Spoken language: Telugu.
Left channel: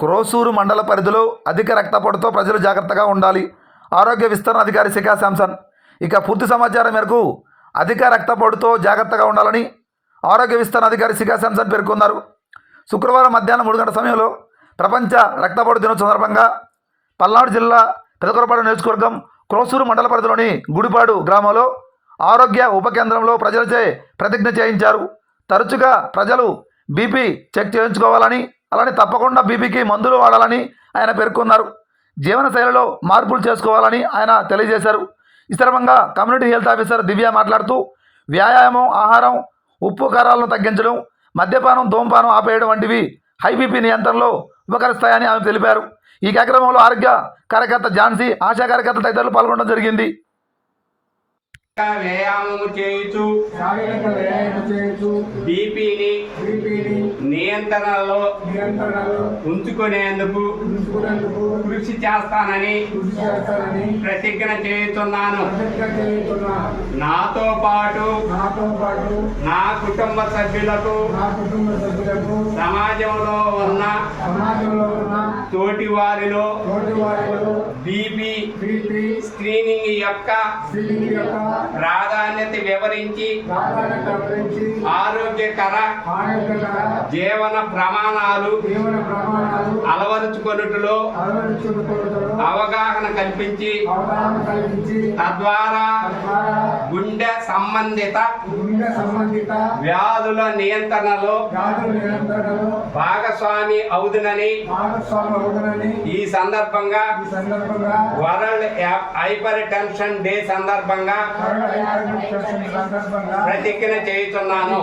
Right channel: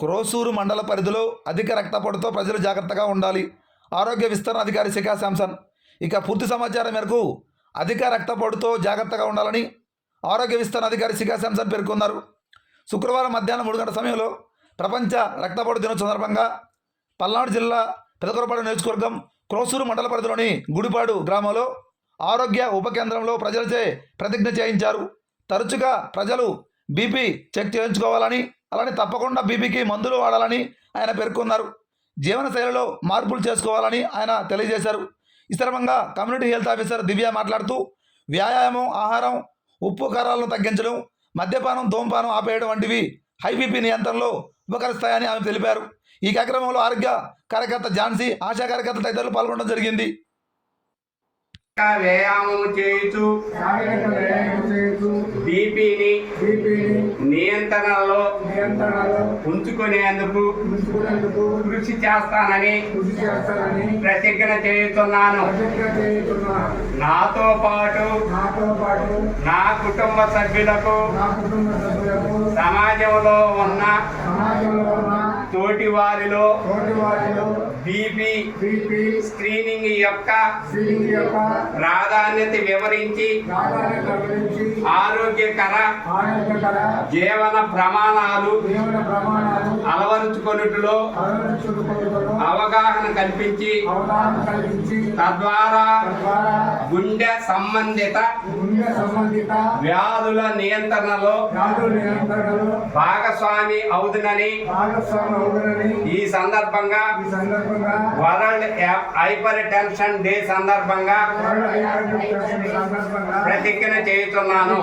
క్రోసూరు మండల పరిధిలో అధిక రక్తపోటుతో ప్రజలు జాగ్రత్తగా ఉండాలి. ఆరోగ్య విస్తరణ అధికారి శిఖా శాంసన్. ఇక పూర్తి సమాచారం మేరకు అధిక రక్తపోటుతో జాగ్రత్తగా ఉండాలని ఆరోగ్య విస్తరణ అధికారి శిఖా శాంసన్ పేర్కొన్నారు. శుక్రవారం మధ్యాహ్నం 3 గంటల సమయంలో ప్రపంచ రక్తపోటు దినోత్సవం సందర్భంగా పల్నాడు జిల్లా పెదకూరపాడు నియోజకవర్గం క్రోసూరు మండల పరిధిలోని గుడిపాడు గ్రామంలో ఆరోగ్య ఉప కేంద్రంలో ప్రజలచే ప్రతిజ్ఞ చేయించారు. తరచుగా ప్రజలు బీపీ చెక్ చేయించుకోవాలని, అలానే తప్పకుండా బీపీకి మందులు వాడాలని ఆయన పేర్కొన్నారు. జీవనశైలిలో మార్పులు చేసుకోవాలని ఆయన తెలియజేశారు. ఈ సందర్భంగా కమ్యూనిటీ హెల్త్ ఆఫీసర్ దివ్య మాట్లాడుతూ వ్యాయామం, ఆహారం, ఉప్పు కారాలను తగ్గించడం, మద్యపానం, ధూమపానం ఆపేయడం వంటివి హై బీపీ నియంత్రణలో ఉపకరిస్తాయని ఆమె తెలిపారు. ఈ కార్యక్రమంలో ఆరోగ్య కార్యకర్త ఝాన్సీ, ఆశా కార్యకర్త తదితరులు పాల్గొనడం జరిగింది. వ్యాయామం చేయుచు బీపీని నియంత్రణలో ఉంచుకునేందుకు కృషి చేస్తానని ప్రతిజ్ఞ చేస్తున్నాను. నాతో పాటు నా కుటుంబ సభ్యులకు సమాజంలో ఉన్న తోటి వారిలో బీపీ స్క్రీనింగ్ యొక్క ప్రాధాన్యత వివరించి ఆరోగ్యకర జీవన ప్రమాణాలు అలవరుచుకొనుటలో అవగాహన కల్పించి తద్వారా గుండె సంబంధిత వ్యాధుల నియంత్రణలో భాగస్వామి అవుతునని ఈ సందర్భంగా వరల్డ్ హైపర్ టెన్షన్ డే సందర్భంగా ప్రతిజ్ఞ చేస్తున్నాను.